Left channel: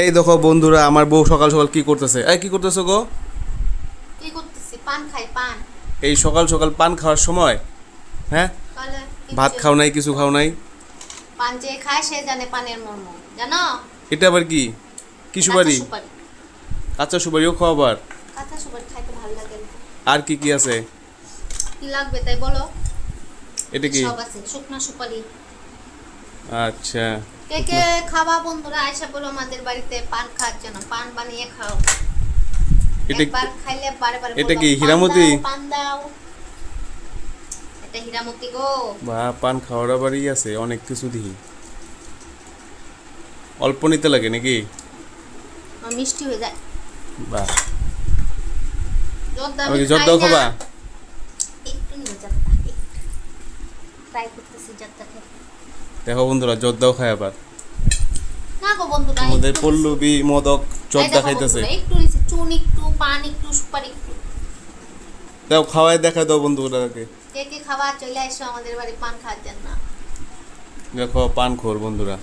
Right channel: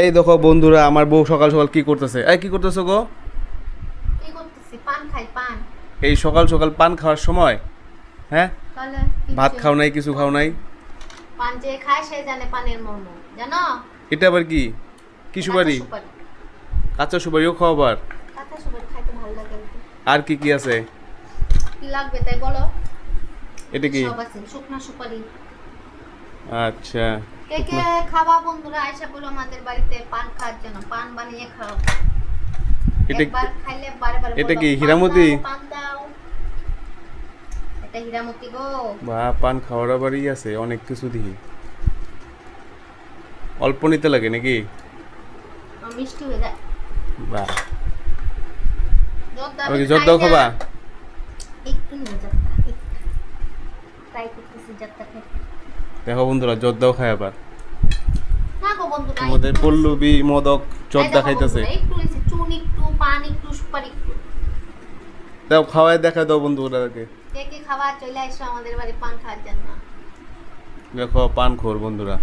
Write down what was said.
এই দেখো বন্ধুরা, আমার বউ সকাল সকাল কি করতেছে। এই কি করতেছো গো? কি করতেছি? পান খাই, পান। এই সকাল সকাল পান খাওয়ার সময়? হ্যাঁ, তাহলে ভাত কিচ্ছু খাও নাই, কিছু খাও নাই? পান যে খায় সে জানে পানের মর্ম, জানো? এটা আবার কি? কি কাঁচা সুপারি? সুপারি। কাঁচা সুপারিও খাও আবার? কাঁচা সুপারি খাইতে ভালো লাগে অল্প। আর কি কি আছে? কি লাগবে তাই বলো। এটা কি? সব আছে, শুকনো সুপারি। আচ্ছা, কে কে খাওয়া বন্ধুরা আয়সা বলো আমাদের বাড়িতে পান খাওয়ার জন্য, পান বানিয়ে খাও। এটা একবার খাইলে বারে বারে এটা বলবা, কি পান হীরামতি? দাও, পান দাও। এটা হীরামতি গো। বা পান খাওয়ার আবারই আছে অনেক কিছু দিই। অল্প নিতে লাগে নাকি? মিষ্টি হয়ে যায়। বা জর্দা আমি আমি কি খাই জর্দাও না। খাবা? একটু না জর্দা, একটু ট্রাই করতেছি জর্দা খেতে। দেখো বন্ধুরা, জর্দাও খায় আবার। না গো বন্ধুরা, আমাদের একটু পল্লবী মদক এই জর্দা দেখো খাইতেছে। বন্ধুরা, একটু নিচে চুন, একটু পান, একটু সুপারি, একটু। দাও খাওয়াই দেখা দাও বন্ধুরাকে। কে কে খাবার চলে আসো আমাদের বাড়ি পান খাওয়ার জন্য। দেখো পান খোর বন্ধুরা।